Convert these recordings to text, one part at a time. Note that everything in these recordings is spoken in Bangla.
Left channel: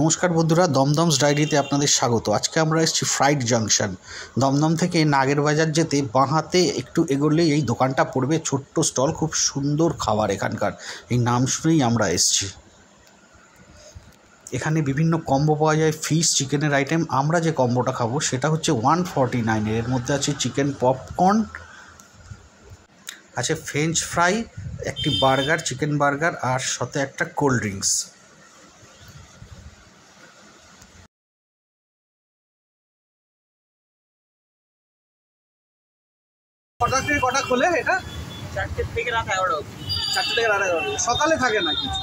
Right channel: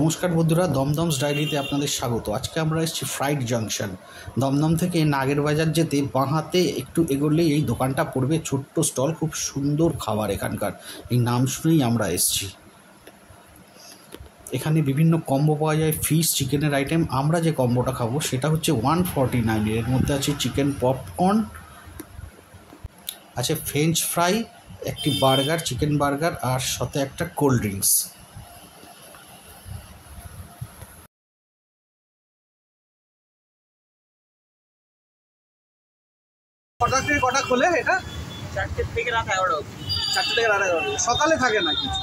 নমস্কার বন্ধুরা, দমদমস ডায়েরিতে আপনাদের স্বাগত। আজকে আমরা এসেছি ফ্রাইড জাংশন। দমদম থেকে নাগের বাজার যেতে বাঁ হাতে একটু এগোলেই এই দোকানটা পড়বে। ছোট্ট স্টল, খুব সুন্দর খাবার এখানকার। এই নাম শুনেই আমরা এসেছি। এখানে বিভিন্ন কম্বো পাওয়া যায়, ফিশ চিকেনের আইটেম। আমরা যে কম্বোটা খাবো সেটা হচ্ছে 149। এর মধ্যে আছে চিকেন পপকর্ন, আছে ফ্রেঞ্চ ফ্রাই, একটি বার্গার, চিকেন বার্গার, আর সাথে একটা কোল্ড ড্রিঙ্কস। কটা থেকে কটা খোলে এটা? 4টে থেকে রাত 11টা অবধি। 4টে থেকে রাত 11টা। সকালে থাকে না কিছু?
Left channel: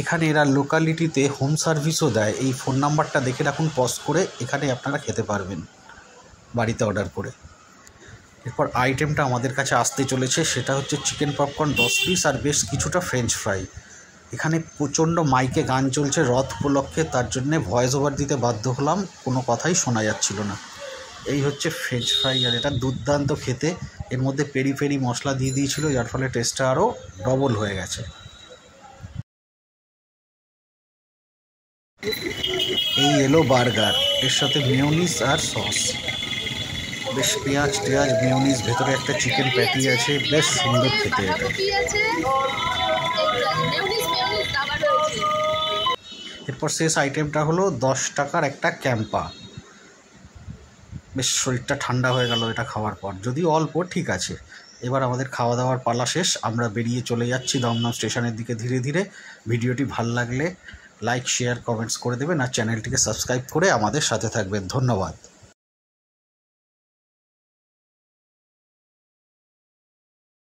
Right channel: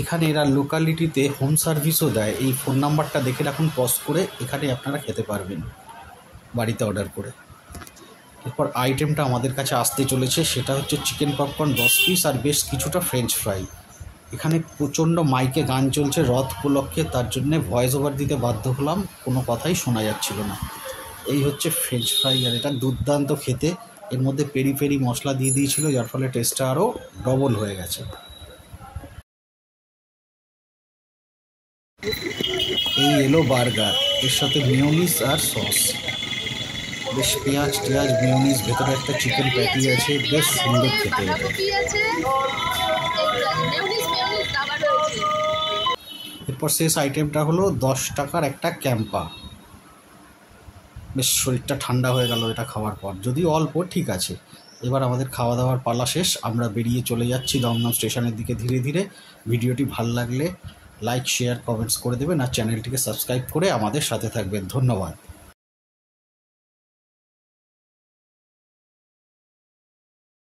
এখানে এরা লোকালিটিতে হোম সার্ভিসও দেয়। এই ফোন নাম্বারটা দেখে রাখুন, পজ করে এখানে আপনারা খেতে পারবেন বাড়িতে অর্ডার করে। এরপর আইটেমটা আমাদের কাছে আসতে চলেছে, সেটা হচ্ছে চিকেন পপকর্ন 10 পিস আর বেশ কিছুটা ফ্রেঞ্চ ফ্রাই। এখানে প্রচণ্ড মাইকে গান চলছে রথ উপলক্ষে, তার জন্যে ভয়েস ওভার দিতে বাধ্য হলাম, কোনো কথাই শোনা যাচ্ছিল না। এই হচ্ছে ফ্রেঞ্চ ফ্রাই, আর এটা দুর্দান্ত খেতে। এর মধ্যে পেরি পেরি মশলা দিয়ে দিয়েছিল, যার ফলে টেস্টটা আরও ডবল হয়ে গেছে। এই এলো বার্গার, এর সাথে মেয়োনিজ আর সস, বেশ পেঁয়াজ টেয়াজ মেয়োনিজ, ভেতরে একটা চিকেন প্যাটি আছে, বেশ সুন্দর খেতে। এরপর শেষ আইটেমটা হলো 10 টাকার একটা ক্যাম্পা। বেশ শরীরটা ঠান্ডা হয়ে গেল এটা খাওয়ার পর, যদিও অল্প, ঠিক আছে। এবার আমাদের খাওয়া দাওয়ার পালা শেষ, আমরা বেরিয়ে চলে যাচ্ছি দমদম স্টেশনের দিকে ধীরে ধীরে। ভিডিওটি ভালো লাগলে লাইক, শেয়ার, কমেন্টস করে দেবেন, আর চ্যানেলটিকে সাবস্ক্রাইব করে আমাদের সাথে থাকবেন। ধন্যবাদ।